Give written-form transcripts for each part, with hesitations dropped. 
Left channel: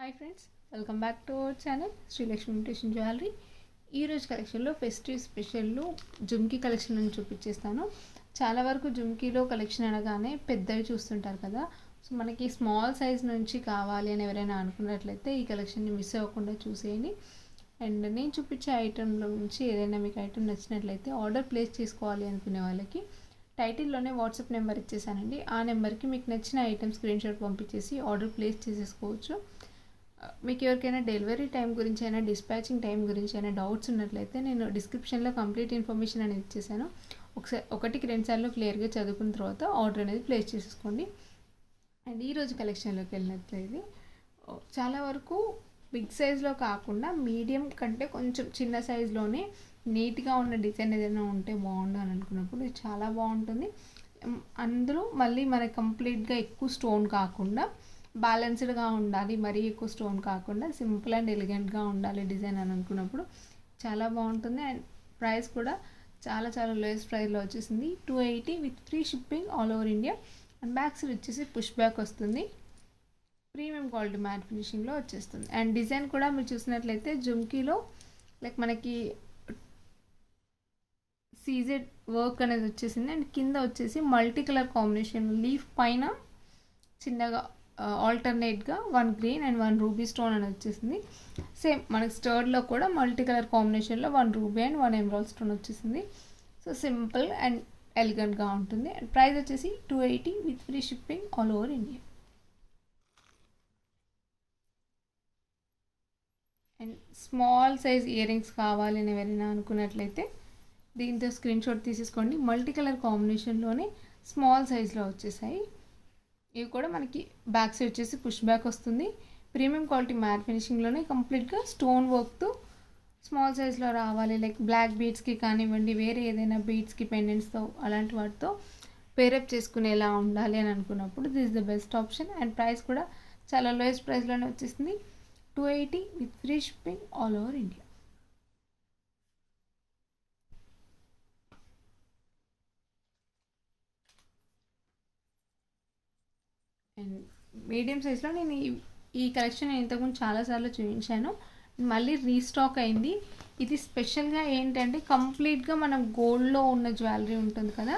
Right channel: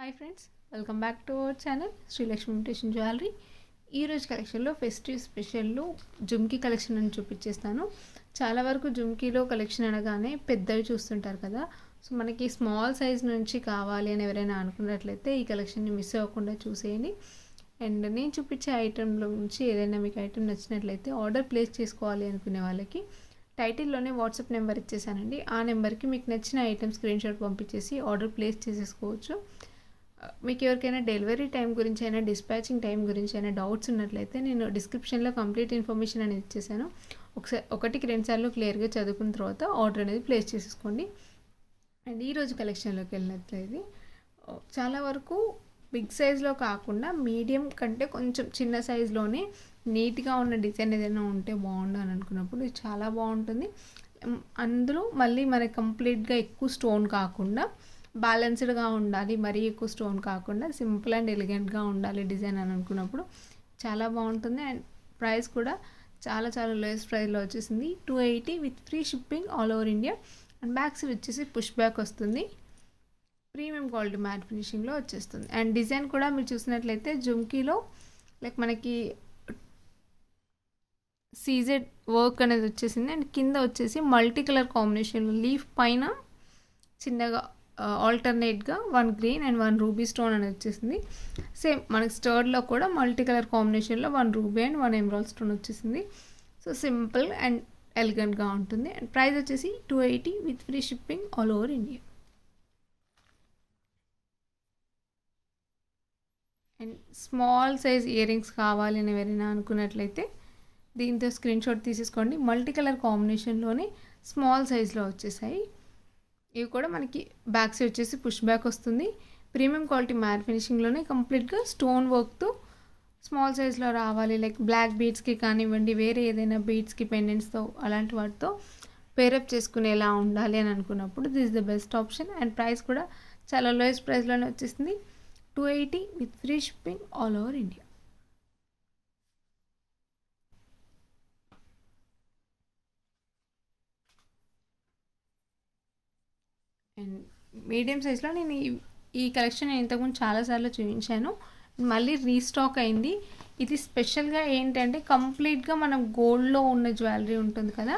Hi friends, welcome back to our channel Srilakshmi imitation jewellery. ఈరోజు కలెక్షన్లో festive స్పెషల్లో jhumki collection అని చూపించేస్తాను. చాలా వరకు జుమ్కీలో కలెక్షన్ అనగానే పెద్దవి చూస్తుంటారు కదా. సో మనకి స్మాల్ సైజ్ నుంచి కావాలి అని ఎవరైనా అనుకున్నట్లయితే ఈ కలెక్షన్ని మిస్ అవ్వకుండా చూసేయండి. అండ్ నేను చూపించే ఐటెంలో నుంచి ఏదైనా మీకు ఐటెం నచ్చినట్లయితే ఆర్డర్ ప్లేస్ చేసుకోవాలి అనుకునే వాళ్ళకి టైటిల్లోనే వాట్సాప్ నెంబర్ ఇచ్చేసానండి. ఆ నెంబర్కి మీకు నచ్చిన ఐటెం స్క్రీన్ షాట్ పంపించేసి ఆర్డర్ ప్లేస్ చేసేసుకోవచ్చు. మీకు ఎవరికైనా డెలివరీ టైం గురించి అయినా డిస్పాచింగ్ టైం గురించి అయినా డౌట్స్ ఉన్నట్లయితే నేను డిస్క్రిప్షన్లో కంప్లీట్ ఇన్ఫర్మేషన్ అనేది ఇచ్చేసాను. ఒకటికి 2 సార్లు క్లియర్గా చదువుకున్న తర్వాత ఆర్డర్ అనేది ప్లేస్ చేసేసుకోండి. అండ్ ఈరోజు కలెక్షన్లోకి వెళ్ళినట్లయితే చాలా వరకు బిగ్ సైజ్లో కాకుండా మీడియం కంటే కొంచెం చిన్న సైజులోనే నీట్గా ఉన్న డిజైన్ ఏదైనా ఉంటే బాగుండు అని అనుకున్నప్పుడు ఇది చాలా బాగుంటుంది. అందులో మళ్ళీ మనకి కంప్లీట్గా ఎక్కువ స్టోన్ కాకుండా బ్యాలెన్స్డ్గా ఉండాలి, మరీ ఎక్కువ స్టోన్ కాకుండా సింపుల్ అండ్ ఎలిగెంట్గా ఉండాలి డిజైన్ అని అనుకున్నప్పుడు చాలా బాగుంటుంది. అండ్ ప్రైస్ కూడా చాలా లోయెస్ట్ ప్రైస్లో వచ్చేసింది 280 with free shipping all over India. And back side వచ్చేసి పుష్ బ్యాక్ వస్తుంది, ప్రీమియం క్వాలిటీ మ్యాట్ ఫినిషింగ్లో వచ్చేస్తుంది. అండ్ డిజైన్ కూడా మీరు చూసినట్లయితే జుమ్కీలో లైక్ మనకి సీజెడ్ వర్క్ అనేది వచ్చేసింది. అండ్ కింద వచ్చేసి మల్టీ కలర్ కాంబినేషన్ లీఫ్ పైన చిన్నగా ఆల్టర్నేట్గా 1 గ్రీన్ అండ్ 1 రూబీ స్టోన్ అనేది వచ్చేసింది. సేమ్ మనకి స్టర్డ్లో కూడా మల్టీ కలర్ కాంబినేషన్లో 1 రూబీ అండ్ 1 ఎమరాల్డ్ స్టోన్ వచ్చేసింది. సో సింపుల్ అండ్ ఎలిగెంట్గా ఉంటుంది. అండ్ ప్రైస్ వచ్చేసి 280 with free shipping all over India. And small size ear rings కావాలి అని ఎవరైనా అనుకున్నట్లయితే దీంతో స్క్రీన్ షాట్ తీసేసుకోండి. మల్టీ కలర్ కాంబినేషన్లోనే స్మాల్ సైజ్లో వచ్చేసాయి. ఇవి కూడా మనకి బ్యాక్ సైడ్ వచ్చేసి పుష్ బ్యాక్ వస్తుంది. ప్రీమియం క్వాలిటీ మ్యాట్ ఫినిషింగ్లోనే కంప్లీట్గా స్టోన్ వర్క్తో స్మాల్ సైజ్లో రావాలి. లైక్ బ్లాక్ బీడ్స్కి కానివ్వండి, వేరే ఏదైనా బీడ్స్కి పెండెంట్స్తో అలాంటి వాటితో పేరప్ చేసుకునేలా ఉండాలి అని అనుకున్నప్పుడు this is the best option. And price కూడా చాలా లోయెస్ట్ ప్రైస్లోనే వచ్చేసింది 280 with free shipping all over India. And medium సైజ్లో నేను ఈ కలెక్షన్ ఇంతకుముందు చాలాసార్లు చూపించాను, మళ్ళీ రీస్టాక్ అయింది. ఇది స్పెషల్గా ఏంటంటే కంప్లీట్గా మనం గోల్డ్లో ఉన్న జ్యువెలరీ ఉంటుంది కదా,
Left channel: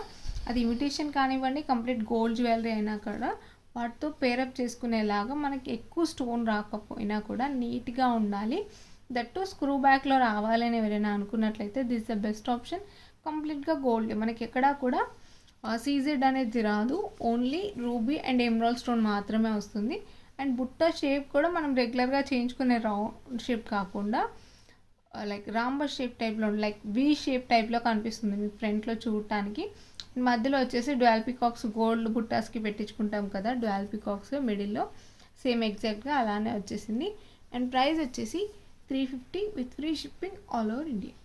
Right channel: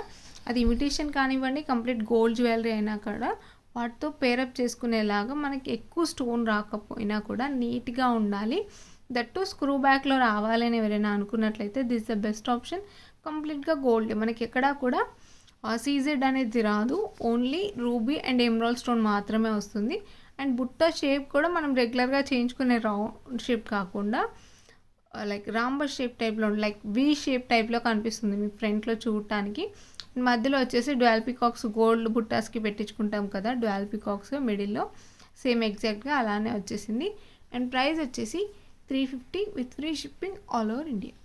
అది ఇమిటేషన్ కానివ్వండి కంప్లీట్ గోల్డ్ జ్యువెలరీ అయినా కూడా వాటితో పేరప్ చేసుకునేలాగా మనకి ఎక్కువ స్టోన్ రాకపోయినా కూడా నీట్గా ఉండాలి. దట్టు స్క్రూ బ్యాక్లో రావాలని ఎవరైనా అనుకున్నట్లయితే దిస్ ద బెస్ట్ ఆప్షన్. కంప్లీట్గా గోల్డ్, మనకి ఎక్కడా కూడా సీజెడ్ అనేది రాదు, only ruby and emerald stone మాత్రమే వస్తుంది. అండ్ బుట్ట షేప్ కూడా మనం రెగ్యులర్గా చేయించుకునే రౌండ్ షేప్ కాకుండా లైక్ రాంబర్ షేప్ టైప్లో లైక్ వి షేప్ టైప్లో కనిపిస్తుంది మీకు ఫ్రంట్లో చూడటానికి. మధ్యలో వచ్చేసి డ్యూయల్ పికాక్స్ గోల్డ్ బుట్టాస్కి పెట్టించుకుంటాం కదా, డ్యూయల్ పికాక్స్ మిడిల్లో సేమ్ ఎగ్జాక్ట్గా అలానే వచ్చేసింది. అండ్ ప్రైస్ వచ్చేసి 350 with free shipping all over India.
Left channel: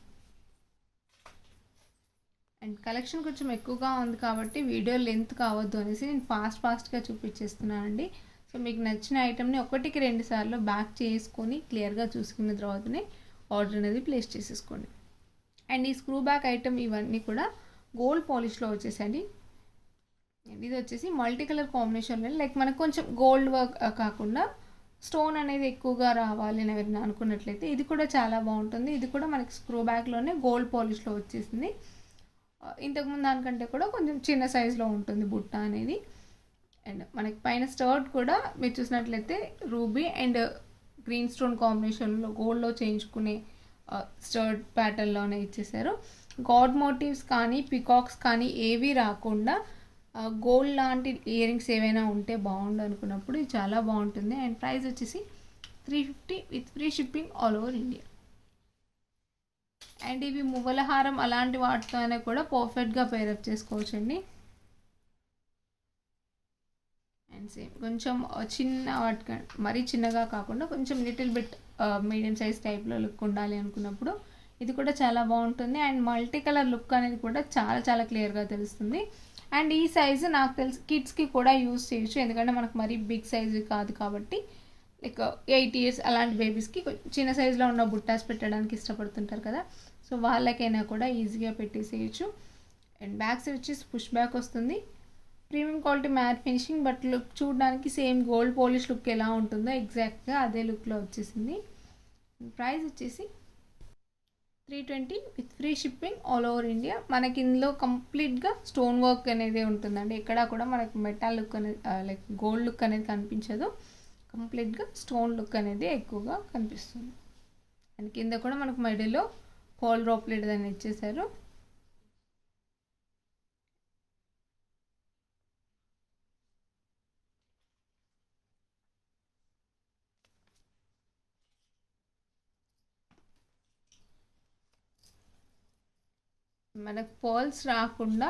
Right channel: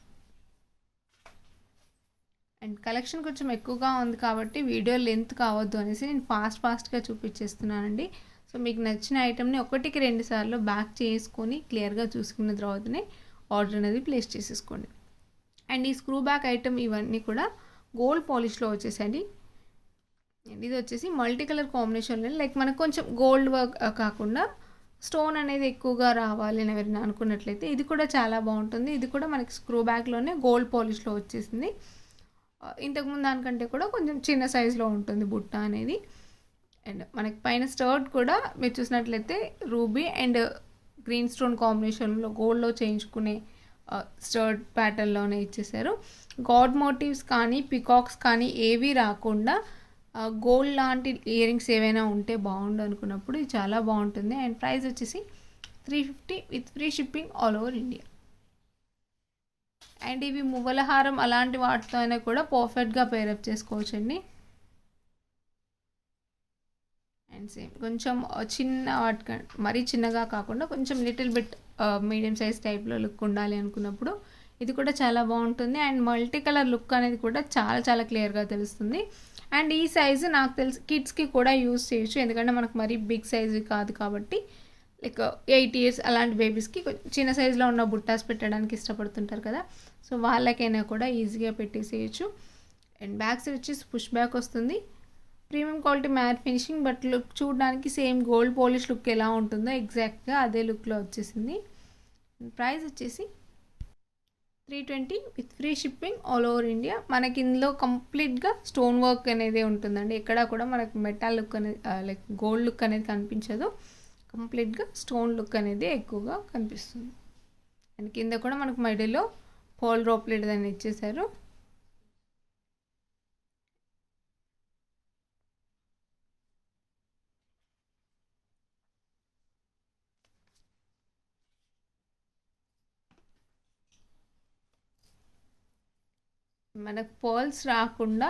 And collection కొంచెం ఎక్కువగా ఉంది కాబట్టి వీడియో లెంత్ కావద్దు అనేసి నేను ఫాస్ట్గా చూపించేస్తున్నానండి. సో మీకు నచ్చిన ఐటెంని 1-2 సార్లు బ్యాక్ చేసుకొని క్లియర్గా చూసుకున్న తర్వాతనే ఆర్డర్ అనేది ప్లేస్ చేసేసుకోండి. అండ్ ఈ స్క్రూ బ్యాక్ ఐటెం ఇవన్నీ కూడా గోల్డ్ పాలిష్లో వచ్చేసండి. అండ్ ఇది వచ్చేసి మల్టీ కలర్ కాంబినేషన్లో లైక్ మనకు కొంచెం గోల్డ్ వర్క్ కాకుండా స్టోన్ అనేది ఎక్కువగా రావాలి అని ఎవరైనా అనుకున్నట్లయితే ఇది కూడా చాలా బాగుంటుంది. ఇది కూడా మనకి స్క్రూ బ్యాక్లోనే గోల్డ్ పాలిష్లో వచ్చేసింది. ఇంతకుముందు దానికంటే కూడా కొంచెం చిన్న సైజులో ఉంటుంది బుట్ట అనేది. అండ్ మనకి పైన స్టర్ట్ కూడా మీరు చూసినట్లయితే రూబీ అండ్ గ్రీన్ స్టోన్ కాంబినేషన్లో గోల్డ్లో చేయించుకునే స్టర్ట్ ప్యాటర్న్లోనే ఇచ్చేసారు. గాడ్ మోటివ్స్ కానీ పికాక్స్ కానీ ఏవి రాకుండా గోల్డ్ లాంటి ఇయర్ రింగ్స్ ఏవైనా ఉంటే బాగుండు అనుకున్నప్పుడు ఇది చాలా బాగుంటుంది. అండ్ ప్రైస్ వచ్చేసి 350 with free shipping all over India. And ఇవి మువ్వల హారం అలాంటి వాటితో అయినా కూడా పర్ఫెక్ట్గా పేరప్ చేసుకోవచ్చండి. అండ్ సేమ్ కొంచెం చిన్న వాటి మరీ చిన్నగా కాకుండా కొంచెం లిటిల్ బిట్ మీడియం సైజ్ టైప్లో లుక్ ఉండాలి అనుకున్నప్పుడు ఇది కూడా చాలా బాగుంటుంది. అండ్ మల్టీ కలర్ లుక్ అనేది కూడా చాలా క్లియర్గా తెలుస్తుంది. అండ్ ఈ సైజు నాకు తెలిసి కిడ్స్కి కూడా యూజ్ చేయొచ్చు, ఎందుకంటే మనకు మరీ బిగ్ సైజు కాదు కాబట్టి లైక్ 8 years అలాంటి బేబీస్కి చిన్న సైజులో ఉన్న బుట్టాస్ పెట్టడానికి ఇష్టపడుతుంటారు కదా, సో వాళ్ళకైనా కూడా ఈజీగా పెట్టేసేయచ్చు. అండ్ బ్యాక్ సైడ్ వచ్చేసి పుష్ బ్యాక్ వస్తుంది. Premium quality matte finishing, but look చూడడానికి సేమ్ గోల్డ్ పాలిష్ లుక్ ఎలా ఉంటుందో ఎగ్జాక్ట్గా అదే లుక్లో వచ్చేసింది. ప్రైస్ వచ్చేసి 320 with free shipping all over India. మనకి ఇందులో కంప్లీట్గా స్టోన్ వర్క్ అనేది ఉంటుందండి. ఎక్కడా కూడా మనకు మెటల్ లుక్ అనేది లైక్ గోల్డ్ లుక్ అనేది కనిపించదు. కంప్లీట్గా స్టోన్ లుక్ అనేది ఎక్కువగా కనిపిస్తుంది. అండ్ కింద కూడా మనకు మధ్యలో పోల్ డ్రాప్లెట్ అనేది ఇచ్చేసారు. మనకు పర్ల్స్ రాకుండా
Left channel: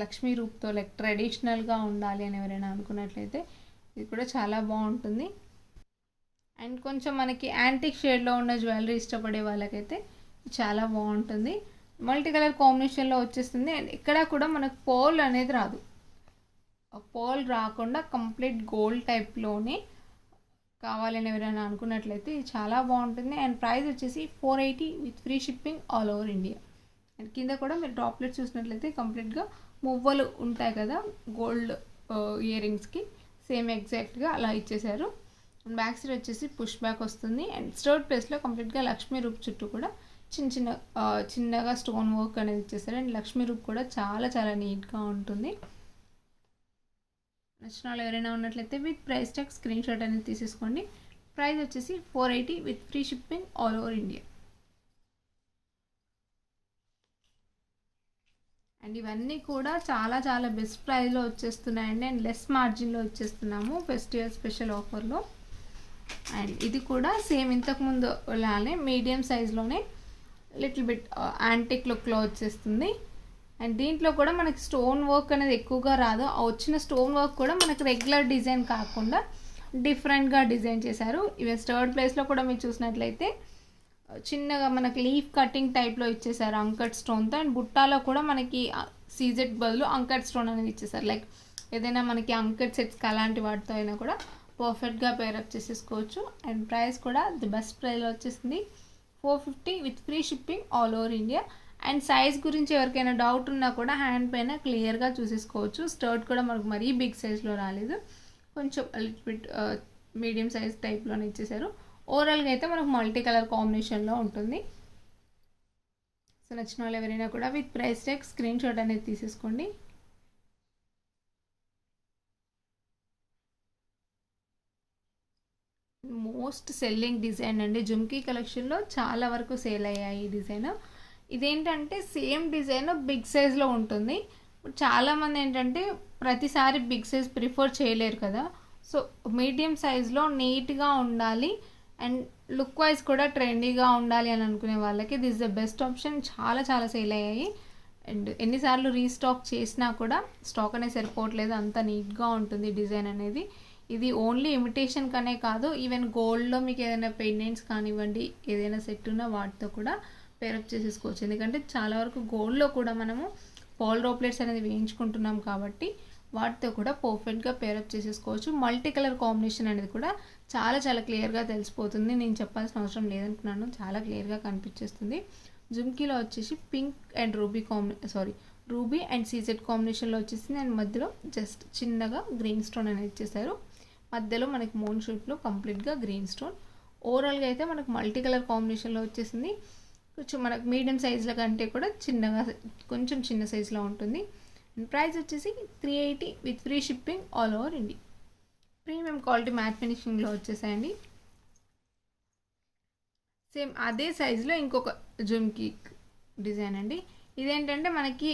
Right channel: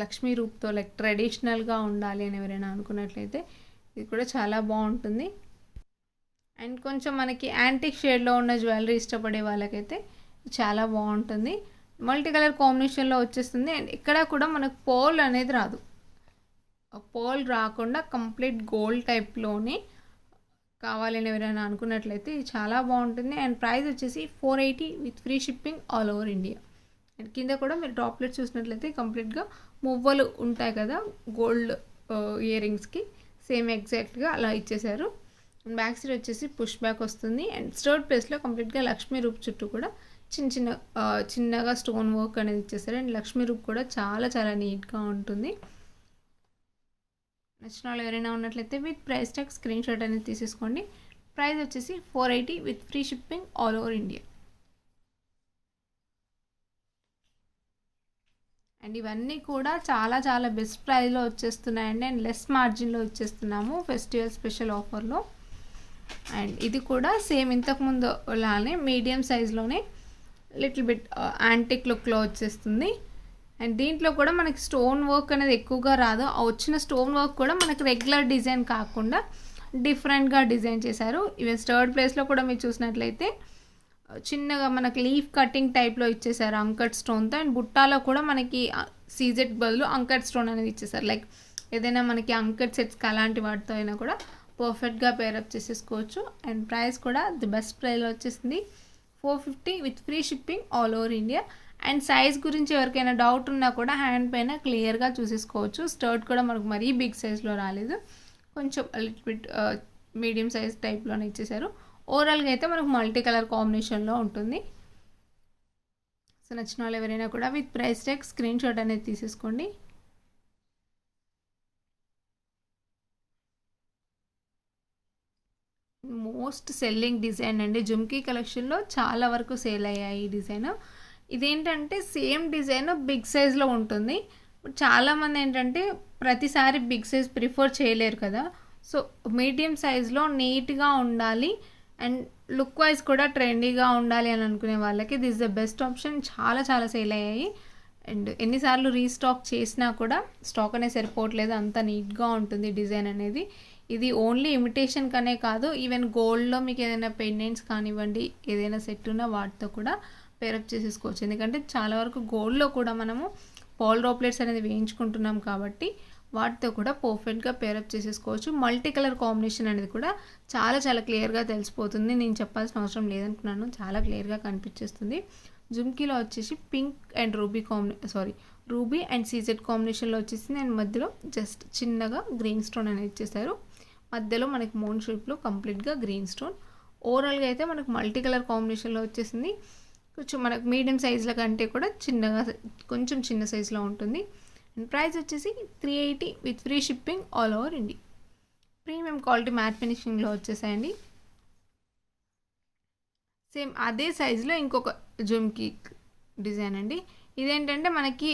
లక్ష్మీ రూప్తో లైక్ ట్రెడిషనల్గా ఉండాలి అని ఎవరైనా అనుకున్నట్లయితే ఇది కూడా చాలా బాగుంటుంది. అండ్ కొంచెం మనకి యాంటిక్ షేడ్లో ఉన్న జ్యువెలరీ ఇష్టపడే వాళ్ళకైతే చాలా బాగుంటుంది. మల్టీ కలర్ కాంబినేషన్లో వచ్చేస్తుంది. అండ్ ఇక్కడ కూడా మనకు పోల్ అనేది రాదు. పోల్ రాకుండా కంప్లీట్ గోల్డ్ టైప్లోనే కావాలని ఎవరైనా అనుకున్నట్లయితే ఇది చాలా బాగుంటుంది. అండ్ ప్రైస్ వచ్చేసి 480 with free shipping all over India. And కింద కూడా మీరు డ్రాప్లెట్ చూసినట్లయితే కంప్లీట్గా మువ్వలు ఉంటాయి కదా గోల్డ్ ఇయర్ రింగ్స్కి, సేమ్ ఎగ్జాక్ట్గా అలా ఇచ్చేసారు. అండ్ బ్యాక్ సైడ్ వచ్చేసి పుష్ బ్యాక్ వస్తుంది. అండ్ స్టర్ట్ ప్లేస్లో కంప్లీట్గా లక్ష్మీ రూప్ చుట్టూ కూడా చిన్నగా స్టోన్ వర్క్ అనేది ఇచ్చేసారు. అండ్ లక్ష్మీ రూప్ కూడా చాలా చాలా నీట్గా ఉంటుంది. నచ్చిన వాళ్ళు ఎవరైనా ఉన్నట్లయితే with price tag screen shot అనేది తీసేసుకోండి. ప్రైస్ వచ్చేసి 480 with free shipping all over India. And ఇవన్నీ కూడా చాలా చాలా బెస్ట్ ప్రైస్లో వచ్చేస్తున్నాయండి. అండ్ లెస్ మార్జిన్లో వచ్చేస్తున్నాము ఫెస్టివల్ స్పెషల్ ఆఫర్లో. అండ్ ఇది కూడా సేమ్ ఇంతకుముందు లానే మీడియం సైజ్లోనే లిటిల్ బిట్ యాంటిక్ లుక్లో వచ్చేస్తుంది. అండ్ దీంట్లో కూడా మనకి స్టోన్ వర్క్ అనేది ఎక్కువగా రాదు. వచ్చిన స్టోన్ వర్క్ కూడా మనకి రెగ్యులర్ డిజైన్ కాకుండా డిఫరెంట్గా డిజైన్ చేశారు. ఈవెన్ థర్డ్ ప్లేస్లో కూడా మీరు చూసినట్లయితే చిన్నగా మనకి లీఫ్ కటింగ్ టైప్లో ఇచ్చేసారు అంకట్ స్టోన్తో. అండ్ బుట్టాలో కూడా మనకి సీజెట్ బదులు అంకట్ స్టోన్ అనేది ఇచ్చేసారు. లైక్ ఏదైనా మనకి అంకట్ సెట్స్కి అలాంటి వాటితో అయినా కూడా పర్ఫెక్ట్గా పేరప్ చేసేసుకోవచ్చు. అండ్ ప్రైస్ కూడా ది బెస్ట్ ప్రైస్లో వచ్చేసింది 450 with free shipping all over India. And size గురించి ఎవరికైనా డౌట్ ఉన్నా కూడా హ్యాండ్ పైన క్లియర్గా చూసేసుకోవచ్చు. స్టర్ట్ కూడా మనకు మరీ బిగ్ సైజ్లో రాలేదు, కొంచెం లిటిల్ బిట్ మీడియం సైజ్ టైప్లోనే ఇచ్చేసారు. ఓవరాల్గా అయితే మనకు మల్టీ కలర్ కాంబినేషన్లో ఉంటుంది. సో నచ్చిన వాళ్ళు ఎవరైనా కూడా with price tag screen shot అనేది తీసేసుకోండి. మోస్ట్ సెల్లింగ్ డిజైన్ అండి జుమ్కీ కలెక్షన్లో, చాలా వరకు సేల్ అయ్యాయి ఈ డిజైన్. ఇదేంటంటే సేమ్ డిజైన్ బిగ్ సైజ్లో ఉంటుంది. చాలామంది ఏంటంటే ప్రతిసారి బిగ్ సైజ్ ప్రిఫర్ చేయలేరు కదా. సో మీడియం సైజ్లో నీట్గా ఉండాలి అండ్ లుక్ వైజ్ కూడా ట్రెండీగా ఉండాలి అని అనుకునే వాళ్ళకి దిస్ ద బెస్ట్ ఆప్షన్. చాలా చాలా సేల్ అయ్యాయి. అండ్ ఎన్నిసార్లు రీస్టాక్ చేసినా కూడా స్టాక్ అనేది సరిపోవట్లేదు, అంత నీట్గా ఉంటుంది డిజైన్ అనేది. ఇది ఓన్లీ ఇమిటేషన్ కనే కాదు, ఈవెన్ గోల్డ్లో మీకు ఏదైనా పెండెంట్స్ కానివ్వండి, ఏదైనా సెట్ ఉన్నా వాటితో కూడా పేరప్ చేసేసుకోవచ్చు. ఎందుకంటే చాలా వరకు గోల్డ్లో కూడా మనము పాల్ డ్రాప్లెట్స్ అనేది వేయించుకుంటున్నాం కాబట్టి వాటితో కూడా పర్ఫెక్ట్గా పేరప్ చేసేసుకోవచ్చు. మల్టీ కలర్ కాంబినేషన్ అనేది కూడా చాలా చాలా క్లియర్గా తెలిసిపోతుంది. నేను చెప్పాల్సిన అవసరం లేదనుకున్నాను, చాలా క్లియర్గా కనిపించేస్తుంది. జుమ్కీలో వచ్చేసి pink and ruby and CZ కాంబినేషన్లో వచ్చేసింది. అండ్ మధ్యలో జస్ట్ చిన్నగా గ్రీన్ స్టోన్ అనేది ఇచ్చేసారు. మధ్యలో మనకి మూన్ షేప్లో కంప్లీట్గా గ్రీన్ స్టోన్. ఓవరాల్గా అయితే మనకు మల్టీ కలర్ కాంబినేషన్లో వచ్చేసింది. కొంచెం మనకు మీడియం సైజుల కంటే కూడా కొంచెం చిన్న సైజులో ఉంటుంది. అండ్ ప్రైస్ వచ్చేసి 380 with free shipping all over India. Premium quality matte ఫినిషింగ్లో వచ్చేసాయండి. సేమ్ అదే సైజులో ఇంకొక జుమ్కీ డిజైన్ అండి. ఇదేంటంటే మనకి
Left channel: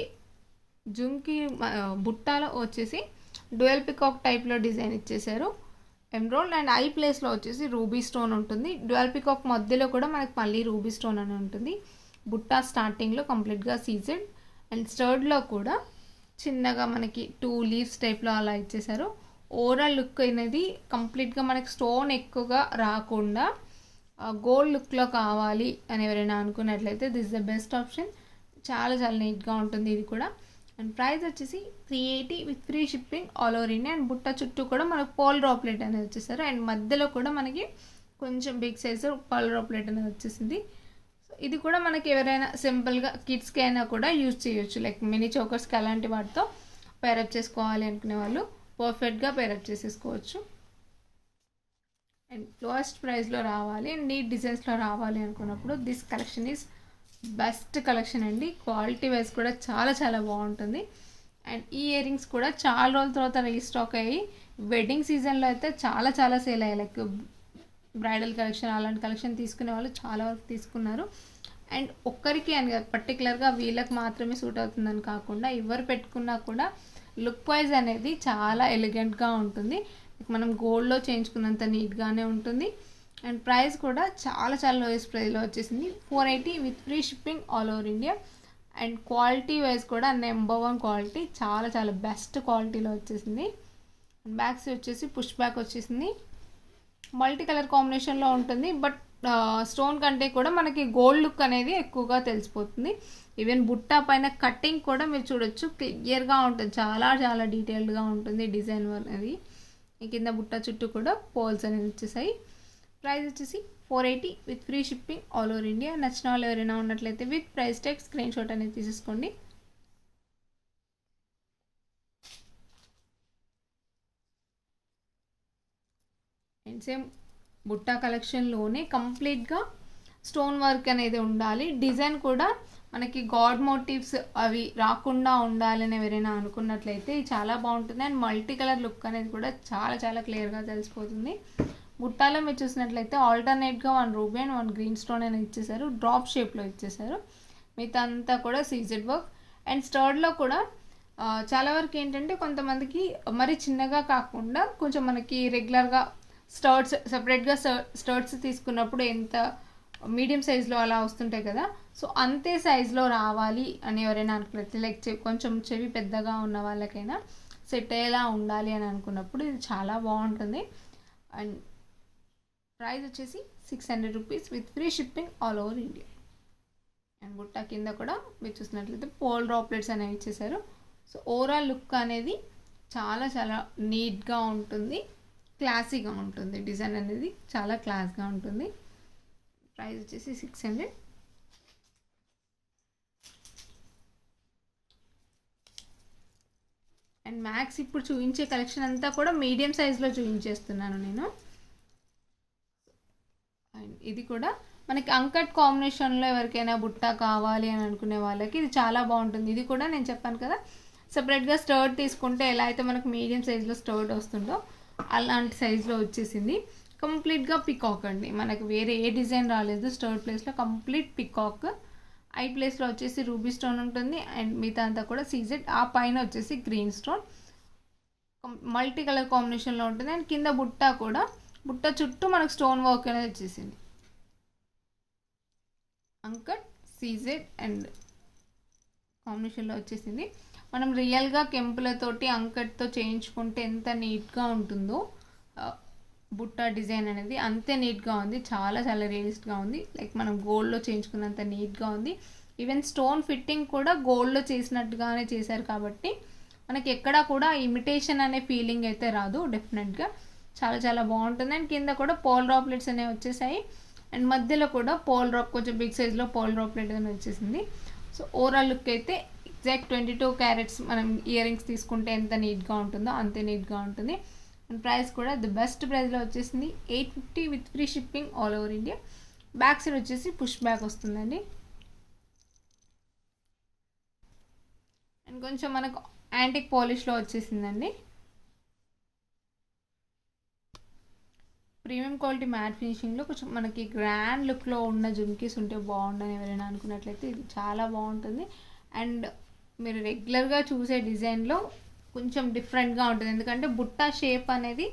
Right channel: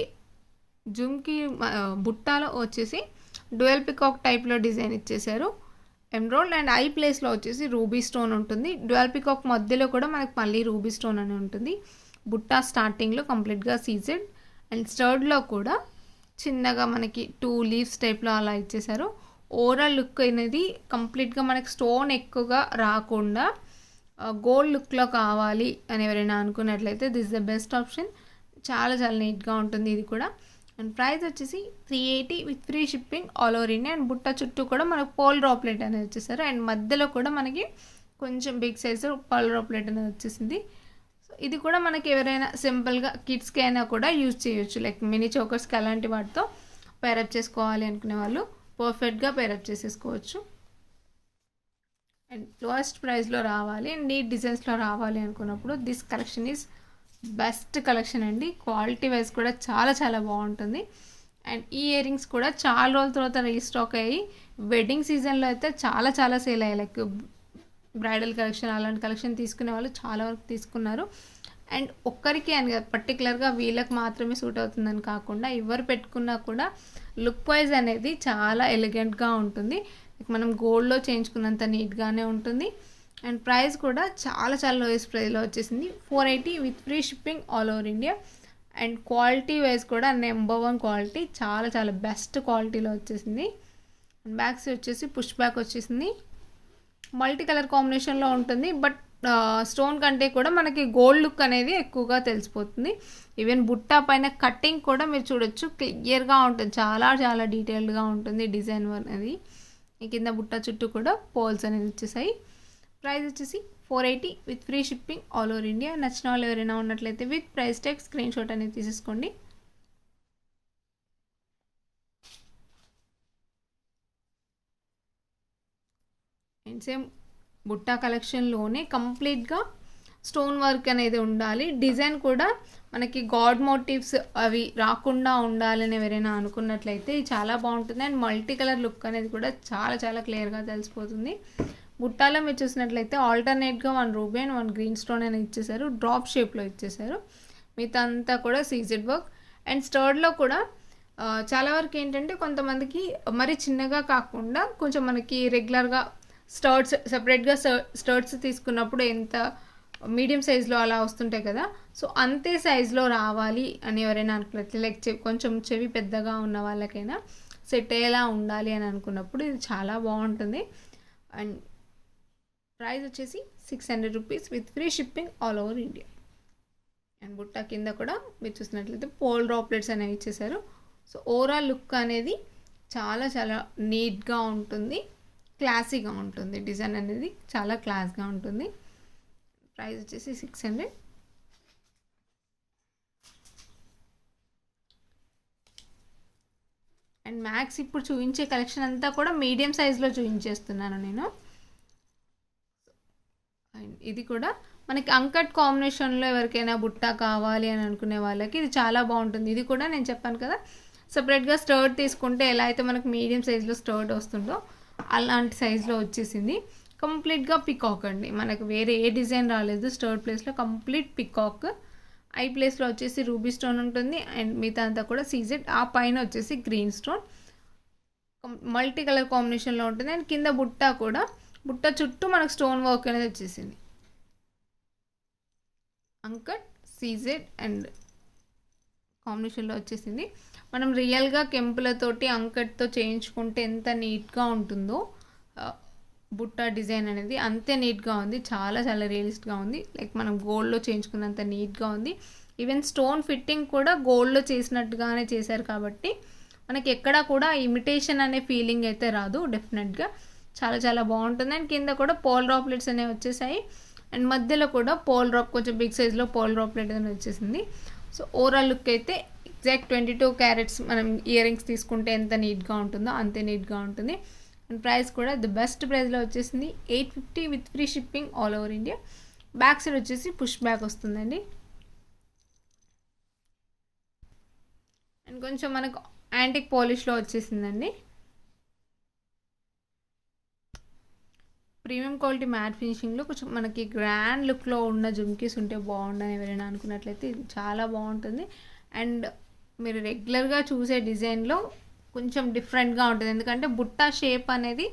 జుమ్కీ బుట్టాలో వచ్చేసి డ్యూయల్ పికాక్ టైప్లో డిజైన్ ఇచ్చేసారు. ఎమ్రోల్డ్ అండ్ ఐ ప్లేస్లో వచ్చేసి రూబీ స్టోన్ ఉంటుంది. డ్యూయల్ పికాక్ మధ్యలో కూడా మనకు మళ్ళీ రూబీ స్టోన్ అని ఉంటుంది. బుట్టా స్టార్టింగ్లో కంప్లీట్గా సీజెడ్ అండ్ స్టర్డ్లో కూడా చిన్నగా మనకి 2 లీవ్స్ టైప్లో అలా ఇచ్చేసారు. ఓవరాల్ లుక్ అనేది కంప్లీట్గా మనకి స్టోన్ ఎక్కువగా రాకుండా గోల్డ్ లుక్లో కావాలి అని ఎవరైనా అనుకున్నట్లయితే దిస్ ద బెస్ట్ ఆప్షన్. చాలా చాలా నీట్గా ఉంటుంది ఇది కూడా. అండ్ ప్రైస్ వచ్చేసి 380 with free shipping all over India. And బుట్ట చుట్టూ కూడా మనకు పోల్ డ్రాప్లెట్ అనేది వచ్చేసారు. అండ్ మధ్యలో కూడా మనకి కొంచెం బిగ్ సైజు పోల్ డ్రాప్లెట్ అనేది వచ్చేసింది. ఇది కూడా మనకి ఎవరైనా సింపుల్గా కిడ్స్కి అయినా కూడా యూజ్ చేయొచ్చు, లైక్ మినీ చోకర్స్కి అలాంటి వాటితో పేరప్ చేసుకోవాలి అనుకునే వాళ్ళు పర్ఫెక్ట్గా పేరప్ చేసేసుకోవచ్చు. అండ్ లోయెస్ట్ ప్రైస్లో రావాలి అండ్ నీట్ డిజైన్స్లో రావాలి అనుకున్నప్పుడు this collection is best collection అండి. క్వాలిటీ వైజ్ కూడా చాలా చాలా బాగుంటుంది. అండ్ ఈ ఇయర్ రింగ్స్ కూడా చాలా రోజుల తర్వాత రీస్టాక్ అయ్యి వెడ్డింగ్ సీజన్లో అయితే చాలా చాలా సేల్ అయ్యాయి. లైక్ బ్రైడల్ కలెక్షన్ అలాంటి కలెక్షన్ తీసుకునే వాళ్ళు చాలా వరకు తీసుకున్నారు. అండ్ ఒక్కరికి అని పర్టికులర్గా వీళ్ళకి మాత్రమే సూట్ అవుతుందని కాకుండా ఎవరు పెట్టుకున్నా కూడా లుక్ వైజ్ అనేది చాలా ఎలిగెంట్గా ఉంటుంది. మనం గోల్డ్లో చేయించుకున్నంత నీట్గానే ఉంటుంది. అండ్ ప్రైస్ కూడా చాలా చాలా లోయెస్ట్ ప్రైస్లో వచ్చేసింది 480 with free shipping all over India. And quality wise కూడా నెంబర్ 1 క్వాలిటీ, చాలా చాలా బెస్ట్ క్వాలిటీలో వచ్చేసింది. బ్యాగ్స్ వచ్చేసి పుష్ బ్యాక్ వచ్చేసింది. మల్టీ కలర్ కాంబినేషన్లో ఉంటుంది. బట్ స్టోన్ కంటే కూడా మనకి గోల్డ్ లుక్ అనేది ఎక్కువగా తెలిసిపోతుంది. ఈవెన్ బుట్ట పైన కటింగ్ కూడా మీరు చూడొచ్చు, క్లియర్గా ఉంటుంది, చాలా చాలా డీటెయిల్డ్గా ఉంటుంది డిజైన్ అనేది. ఈ కింద బుట్ట చుట్టూ కూడా పోల్స్ అనేవి వచ్చేసాయి. ప్రైస్ వచ్చేసి 480 with free shipping all over India. నచ్చిన వాళ్ళు ఎవరైనా ఉన్నట్లయితే with price tag screen shot అనేది తీసేసుకోండి. అండ్ సేమ్ బుట్టా కలెక్షన్లోనే కంప్లీట్గా స్టోన్ వర్క్ అనేది ఉండాలి. డిజైన్ కూడా మనకి గాడ్ మోటివ్స్ అవి రాకుండా ఉండాలని ఎవరైనా అనుకున్నట్లయితే చాలా బాగుంటుంది. అండ్ మల్టీ కలర్ లుక్ అనేది కూడా చాలా చాలా క్లియర్గా తెలిసిపోతుంది. బుట్టాలో మీరు చూసినట్లయితే ఆల్టర్నేట్గా 1 రూబీ అండ్ 1 గ్రీన్ స్టోన్ అనేది ఇచ్చేసారు, డ్రాప్ షేప్లో ఇచ్చేసారు. మిగతా అంతా కూడా సీజెడ్ వర్క్. అండ్ స్టర్డ్లో కూడా చాలా వరకు ఏంటంటే కొంతమందికి మరి చిన్నగా కాకుండా కొంచెం మనకి రెగ్యులర్గా స్టర్ట్స్ సెపరేట్గా స్టర్ట్స్ తీసుకున్నప్పుడు ఎంత మీడియం సైజులో అలా వస్తుంటాయి కదా, సో అంతే సైజులో రావాలి అని ఎవరైనా అనుకున్నట్లయితే లైక్ కొంచెం చెవి పెద్దగా ఉన్న వాళ్ళకైనా సెట్ అయ్యేలా ఉండాలి అని అనుకున్నప్పుడు ఇది చాలా బాగుంటుంది. అండ్ ప్రైస్ వచ్చేసి 600 rupees with free shipping all over India. And బుట్ట కింద కూడా మీరు చూసినట్లయితే పోల్ డ్రాప్లెట్స్ అనేవి ఇచ్చేసారు. సో ఓవరాల్ లుక్ అనేది చాలా చాలా నీట్గా ఉంటుంది, క్లాసీగా ఉంటుంది. డిజైన్ అనేది చాలా క్లాస్గా ఉంటుంది. ప్రైస్ వచ్చేసి 600. అండ్ మ్యాక్స్ ఇప్పుడు చూపించే కలెక్షన్ అంతా కూడా మీడియం సైజ్లో చూపించేస్తున్నాను నేను. అండ్ ఇది కూడా మనకి అంకట్ కాంబినేషన్లో ఎవరికైనా బుట్ట కావాలి అని అనుకునే వాళ్ళకి ఇది చాలా బాగుంటుంది. ఇది కూడా నేను చెప్పాను కదా, సపరేట్గా స్టర్ట్ తీసుకుంటే ఎలా అయితే మనకు మీడియం సైజులో స్టర్ట్ వస్తుందో అలాంటి సైజులో వచ్చేసింది. కంప్లీట్గా పికాక్ అండి, మనకు వేరే ఏ డిజైన్ రాలేదు. స్టర్ట్ ప్లేస్లో కంప్లీట్ పికాక్, ఐ ప్లేస్లో వచ్చేసి రూబీ స్టోన్ ఉంటుంది. అండ్ మిగతా అంతా కూడా సీజెడ్, ఆ పైన వచ్చేసి గ్రీన్ స్టోన్ మల్టీ కలర్ కాంబినేషన్లో ఉంటుంది. అండ్ కింద బుట్ట కూడా, బుట్ట చుట్టూ మనకు స్టోన్ వర్క్ అనేది వచ్చేసింది. అంకట్ సీజెడ్ అండ్ కాంబినేషన్లో వచ్చేసింది. మనం రియల్గా కెంపులతోటి అంకట్తో చేయించుకుంటే ఎంత నీట్గా ఉంటుందో బుట్ట డిజైన్ అనేది అంతే నీట్గా ఉంది, చాలా చాలా రియలిస్ట్గా ఉంది. లైక్ మనం గోల్డ్లో చేయించుకున్నంత నీట్గా ఉంది. ఈవెన్ స్టోన్ ఫిట్టింగ్ కూడా గోల్డ్లో చేసినట్టుగానే చేశారు కాబట్టి మనకి ఎక్కడా కూడా ఇమిటేషన్ అనే ఫీలింగ్ అయితే రాదు. డెఫినెట్గా చాలా చాలా బాగుంటుంది. అండ్ కింద కూడా పోల్ డ్రాప్లెట్స్ అనేవి వచ్చేసాయి. అండ్ మధ్యలో కూడా పోల్ డ్రాప్ కొంచెం బిగ్ సైజ్లో పోల్ డ్రాప్లెట్ అనేది వచ్చేసింది. సో ఓవరాల్ లుక్ అయితే ఎగ్జాక్ట్ 22 క్యారెట్స్ మనం ఇయర్ రింగ్స్ తీసుకుంటే ఎంత నీట్గా ఉంటుందో అంతే నీట్గా ఉంటుంది. అండ్ ప్రైస్ కూడా ది బెస్ట్ ప్రైస్లో వచ్చేసింది 850 with free shipping all over India. Back side వచ్చేసి పుష్ బ్యాక్ వస్తుందండి. అండ్ కొంచెం మనకు యాంటిక్ పాలిష్లో వచ్చేసిందండి. ప్రీమియం క్వాలిటీ మ్యాట్ ఫినిషింగ్లో కొంచెం మనకి గ్రాండ్ లుక్లో ఉన్న జుమ్కీస్ ఉంటే బాగుండని ఎవరైనా అనుకున్నట్లయితే ఇది చాలా బాగుంటుంది. అండ్ మీరు రెగ్యులర్గా చూసే డిజైన్లో కొంచెం డిఫరెంట్గా ఉంటుంది, ఎందుకంటే బుట్ట షేప్ అనేది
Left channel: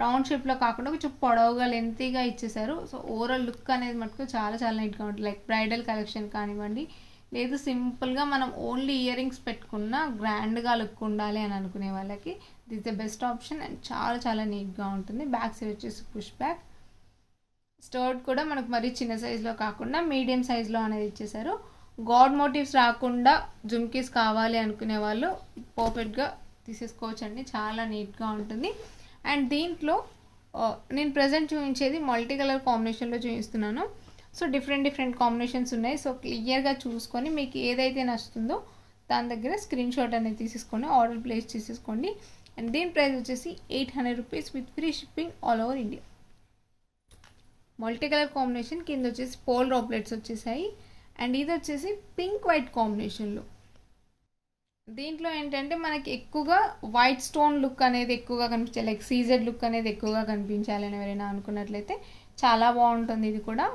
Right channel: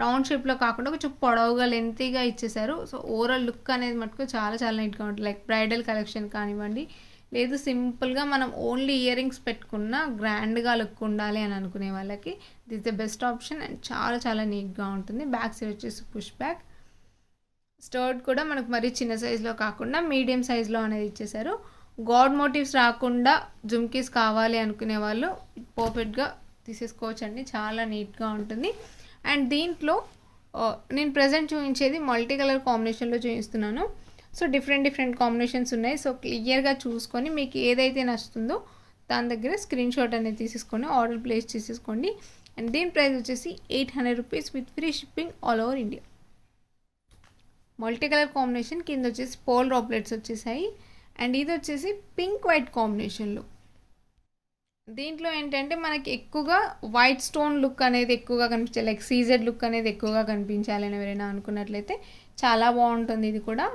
రౌండ్ షేప్లో కాకుండా కొంచెం పొడవుగా లెంతీగా ఇచ్చేసారు. సో ఓవరాల్ లుక్ అనేది మటుకు చాలా చాలా నీట్గా ఉంటుంది. లైక్ బ్రైడల్ కలెక్షన్ కానివ్వండి, లేదు సింపుల్గా మనం ఓన్లీ ఇయర్ రింగ్స్ పెట్టుకున్న గ్రాండ్గా లుక్ ఉండాలి అని అనుకునే వాళ్ళకి this the best option. And చాలా చాలా నీట్గా ఉంటుంది. బ్యాక్ సైడ్ వచ్చేసి పుష్ బ్యాక్. స్టర్ట్ కూడా మనకు మరీ చిన్న సైజులో కాకుండా మీడియం సైజులో అనేది ఇచ్చేసారు. గాడ్ మోటివ్స్ రాకుండా జుమ్కీస్ కావాలి అనుకునే వాళ్ళు పర్ఫెక్ట్గా తీసేసుకోవచ్చు అండి, చాలా నీట్గా ఉంటుంది. అండ్ దీంట్లో నేను ప్రజెంట్ చూపించేది మల్టీ కలర్ కాంబినేషన్లో చూపిస్తున్నాను. సో డిఫరెంట్ కాంబినేషన్స్ ఉన్నాయి. సో క్లియర్గా చూసుకొని మీకు ఏదైతే నచ్చుతుందో దాని దగ్గర స్క్రీన్ షాట్ అనేది తీసేసుకొని ఆర్డర్ ప్లేస్ చేసేసుకోండి. అండ్ దీని ప్రైస్ వచ్చేసి 800 rupees with free shipping all over India. Multi colour combination కింద వచ్చేసి పోల్ డ్రాప్లెట్స్ వచ్చేసాయి. అండ్ ఇది వచ్చేసి పింక్ వైట్ కాంబినేషన్లో. దీంట్లో ఏంటంటే మనకి ఎక్కువగా వైట్ స్టోన్ లుక్ అనేది ఎక్కువగా కనిపించాలి, లైక్ సీజెడ్ లుక్ అనేది ఎక్కువగా కనిపించాలని ఎవరైనా అనుకున్నట్లయితే చాలా బాగుంటుంది. ఇది కూడా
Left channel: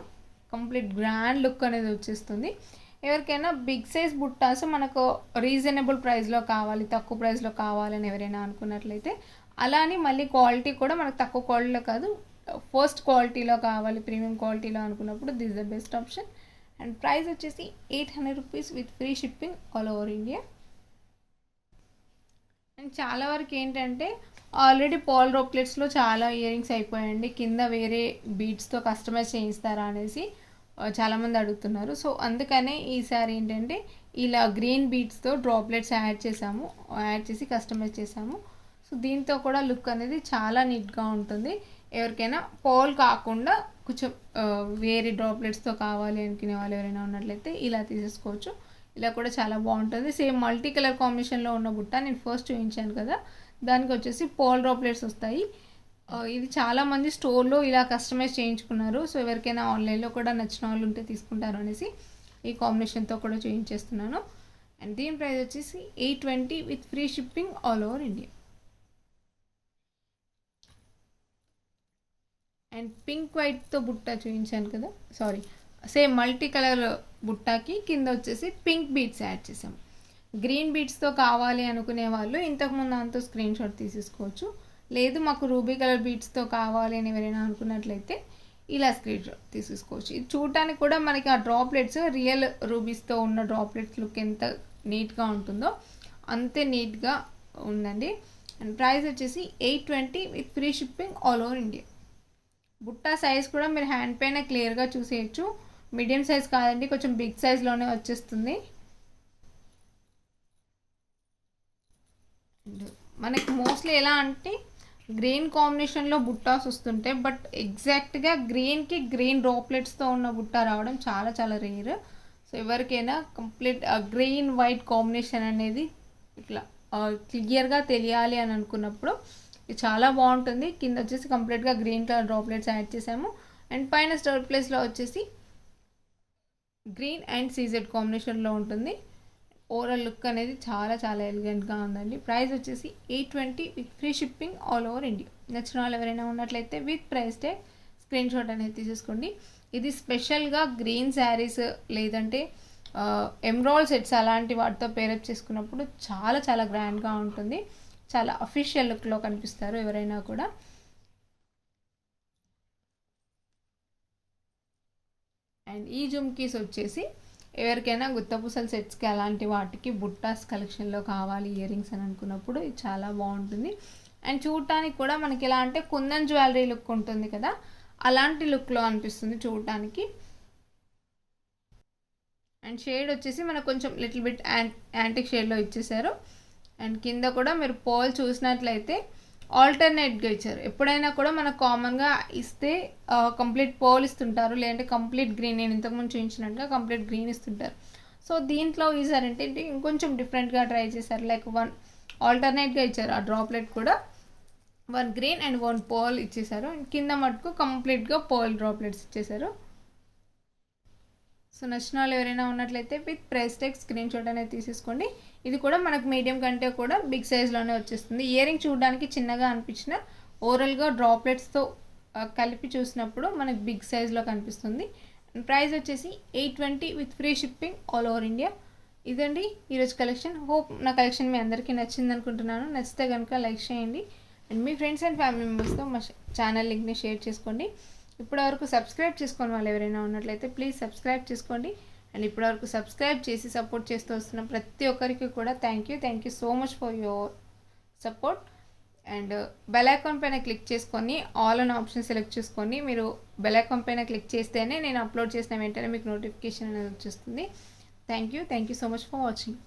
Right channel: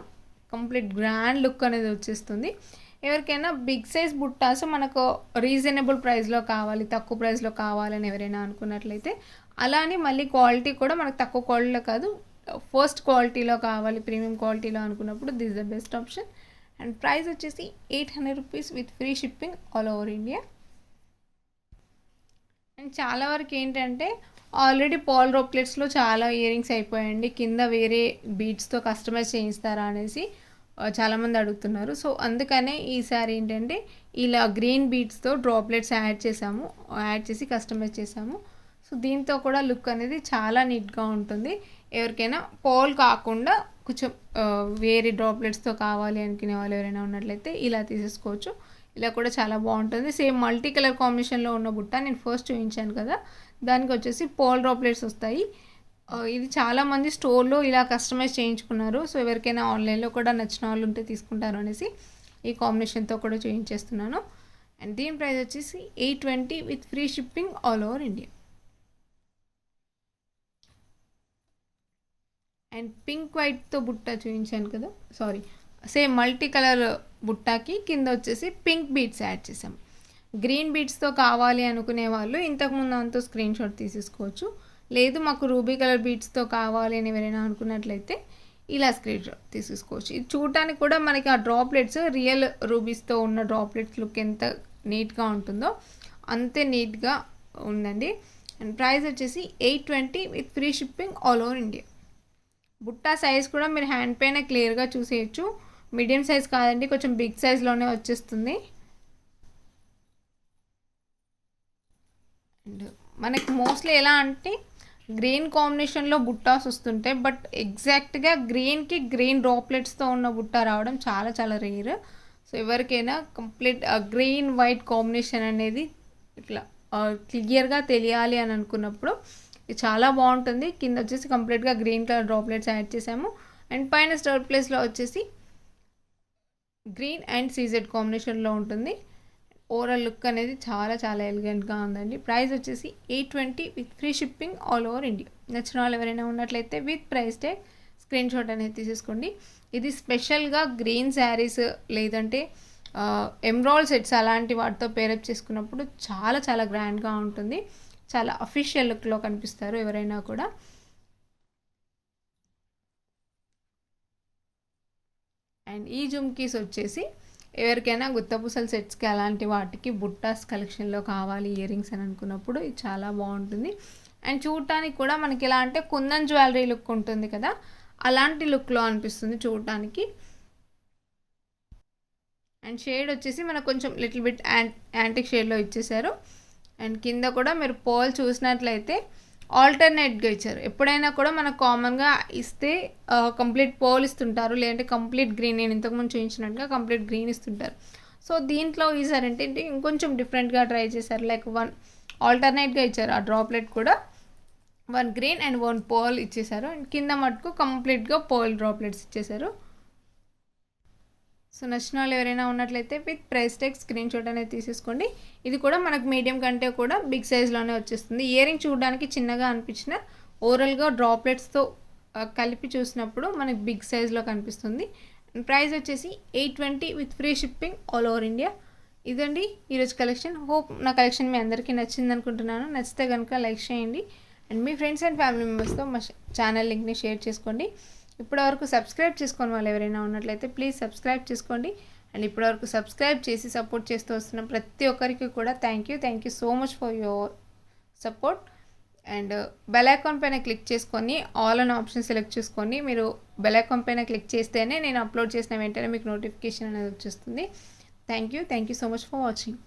కంప్లీట్ గ్రాండ్ లుక్ అనేది వచ్చేస్తుంది. ఎవరికైనా బిగ్ సైజ్ బుట్టాస్ మనకు రీజనబుల్ ప్రైస్లో కావాలి, తక్కువ ప్రైస్లో కావాలని ఎవరైనా అనుకున్నట్లయితే, అలానే మళ్ళీ క్వాలిటీ కూడా మనకు తక్కువ క్వాలిటీలో కాదు, ఫస్ట్ క్వాలిటీలో కావాలి, ప్రీమియం క్వాలిటీలో అనుకున్నప్పుడు this the best option. And price వచ్చేసి 800 rupees with free shipping all over India. And చాలా వరకు ఏంటంటే ఆల్రెడీ పాల్ డ్రాప్లెట్స్లో చాలా ఇయర్ రింగ్స్ అయిపోయాయండి, కింద వేరే బీడ్స్తో కస్టమైజ్ చేయిస్తారా అనేసి చాలామంది అడుగుతున్నారు. సో అందుకనే ఈసారి ఏంటంటే ఇలా గ్రీన్ బీడ్స్తో డ్రాప్లెట్స్ యాడ్ చేసి కస్టమైజ్ చేసాము. సో దీంతో కూడా లుక్ అనేది చాలా నీట్గా ఉంటుంది. ఎవరికైనా పాల్ కాకుండా కొంచెం వేరే డ్రాప్లెట్స్తో కావాలి అనుకునే వాళ్ళు ఎవరైనా ఉన్నట్లయితే ఇలా తీసేసుకోవచ్చు. ఇలా కూడా చాలా బాగుంటుంది. సేమ్ మల్టీ కలర్ కాంబినేషన్లో ఉన్న బుట్ట నేను ఫస్ట్ చూపించాను కదా, దానికి వచ్చేసి పాల్ డ్రాప్లెట్స్ వస్తాయి. ఇది చాలామంది స్టోర్లో ఇలా కస్టమైజ్ చేయించుకున్నారు. సో ఎవరికైనా ఆన్లైన్లో కూడా నచ్చిన వాళ్ళు ఉంటే తీసుకుంటారు అనేసి ఈ కాంబినేషన్తో కూడా చేయించేస్తున్నాను. అండ్ దీని ప్రైస్ వచ్చేసి 820 with free shipping all over India. And pink వైట్తో బుట్ట చూపించాను కదా, సారీ, సేమ్ మల్టీ కలర్ బుట్టాకి కింద వచ్చేసి పింక్ బీడ్స్ యాడ్ చేసాం. గ్రీన్ బీడ్స్తో కావాలి అనుకునే వాళ్ళు ఇంతకుముందు దాంతో స్క్రీన్ షాట్ తీసేసుకోవచ్చు. లేదు మాకు రూబీ కలర్ బీడ్స్తో కావాలి అని ఎవరైనా అనుకున్నట్లయితే ఇలా స్క్రీన్ షాట్ తీసేసుకోవచ్చు. ఇది చూడటానికి కూడా మనకి ఆ డ్రాప్లెట్స్ రియల్ రూబీస్తో ఉన్న డ్రాప్లెట్స్ లుక్ ఎంత నీట్గా ఉంటుందో అంతే నీట్గా ఉందండి. అండ్ ప్రైస్ వచ్చేసి 820 with free shipping all over India. బుట్టా సైజ్ కూడా మీరు హ్యాండ్ పైన క్లియర్గా చూసేయచ్చు. మీడియం సైజ్ కాదండి, కొంచెం బిగ్ సైజ్లోనే వచ్చేస్తుంది. అండ్ మనకి మోస్ట్లీ ఎలా అంటే గ్రీన్ కాంబినేషన్లో బుట్టాస్ వస్తుంటాయి, బట్ ఎగ్జాక్ట్గా గ్రీన్కి గ్రీన్ డ్రాప్లెట్స్తో ఉన్న బుట్ట రావడం చాలా చాలా రేర్. సో ఎవరికైనా కంప్లీట్ గ్రీన్ వైట్ కాంబినేషన్ అనేది ఇట్లా క్లియర్గా తెలియాలి అని అనుకున్నప్పుడు ఇది చాలా బాగుంటుంది. కింద వచ్చేసి కంప్లీట్గా గ్రీన్ కలర్ డ్రాప్లెట్స్ యాడ్ చేసాము. అండ్ పైన స్టోర్ ప్లేస్లో వచ్చేసి గ్రీన్ అండ్ సీజెడ్ కాంబినేషన్లో ఉంటుంది. ఓవరాల్ లుక్ అనేది చాలా చాలా ఎలిగెంట్గా ఉందండి. ప్రైస్ వచ్చేసి 820 with free shipping all over India. నచ్చిన వాళ్ళు ఎవరైనా ఉన్నట్లయితే with price tag screen shot అనేది తీసేసుకోండి. ఇది స్పెషల్గా గ్రీన్ శారీస్ లేదంటే ఎమ్రాల్ సెట్స్ అలాంటి వాటితో పేరప్ చేసుకున్నప్పుడు చాలా చాలా గ్రాండ్గా ఉంటుంది. చాలా అఫీషియల్ లుక్లో కనిపిస్తారు ఎవరైనా కూడా. అండ్ ఈ జుమ్కీస్ వచ్చేసి ఎవరికైనా గుత్తపూసల సెట్స్కి అలాంటి వాటికి బుట్టాస్ కలెక్షన్లో కావాలి ఇయర్ రింగ్స్ అని అనుకున్నప్పుడు ఇది చాలా బాగుంటుంది. అండ్ చూడటానికి కూడా మనకి ఎలా అంటే కుందన్ జ్యువెలరీ లుక్ ఉంటుంది కదా, అలాంటి లుక్లో అనిపిస్తుంది చూడటానికి. అండ్ షేడ్ వచ్చేసి మనకు కొంచెం లిటిల్ బిట్ యాంటిక్ షేడ్లో ఇచ్చేసారు. అండ్ కింద కూడా మీరు పోల్ చూసినట్లయితే ఆల్టర్నేట్గా ఇచ్చారు. ఎప్పుడైనా కూడా మనకు కామన్గా ఇస్తే కంప్లీట్ పోల్ ఇస్తుంటారు, లేదంటే కంప్లీట్ గ్రీన్, నేను ఇంతకుముందు చూపించినట్టుగా కంప్లీట్ గ్రీన్ ఇస్తుంటారు. సో దీంట్లో ఈసారి ఏంటంటే ఇంకొంచెం డిఫరెంట్గా ట్రై చేశారు, లైక్ వన్ ఆల్టర్నేట్గా ఇచ్చారు. ఆ డ్రాప్లెట్ కూడా 1 గ్రీన్ అండ్ 1 పోల్ ఇచ్చేసారు. అండ్ కింద మటుకు కంప్లీట్గా పోల్ డ్రాప్లెట్స్ ఇచ్చేసారు. సో నచ్చిన వాళ్ళు ఎవరైనా ఉన్నట్లయితే with price tag screen shot అనేది తీసేసుకోండి. ఇది కూడా మనకు మీడియం కంటే కూడా బిగ్ సైజ్లోనే వచ్చేస్తుంది. ఇయర్ రింగ్ చూడడానికి చిన్నగా అనిపించిన ఓవరాల్గా డ్రాప్లెట్స్తో కలిపి చూసినప్పుడు మనకు బిగ్ సైజ్లో కనిపిస్తుంది. ప్రైస్ వచ్చేసి 820 with free shipping all over India. ఇదండి ఈరోజు కలెక్షన్. హోప్ నా కలెక్షన్ మీ అందరికీ నచ్చింది అనుకుంటున్నాను. నచ్చితే కనుక లైక్ చేయండి and me friends and family మెంబర్స్తో మా ఛానల్ లింక్ని షేర్ చేసుకోండి. ఇప్పటివరకు సబ్స్క్రైబ్ చేసుకుని వాళ్ళు ఎవరైనా ఉన్నట్లయితే ప్లీజ్ సబ్స్క్రైబ్ చేసుకోండి. అండ్ ఇప్పటివరకు సబ్స్క్రైబ్ చేసి సపోర్ట్ చేస్తూ వస్తున్న ప్రతి ఒక్కరికి కూడా thank you so much for your support. And bell icon పైన క్లిక్ చేసుకొని ఆల్ అన్ ఆప్షన్ సెలెక్ట్ చేసుకొని మీరు బెల్ ఐకాన్ పైన క్లిక్ చేస్తేనే నేను అప్లోడ్ చేసిన వెంటనే మీకు నోటిఫికేషన్ అనేది వచ్చేస్తుంది. Thank you so much for watching.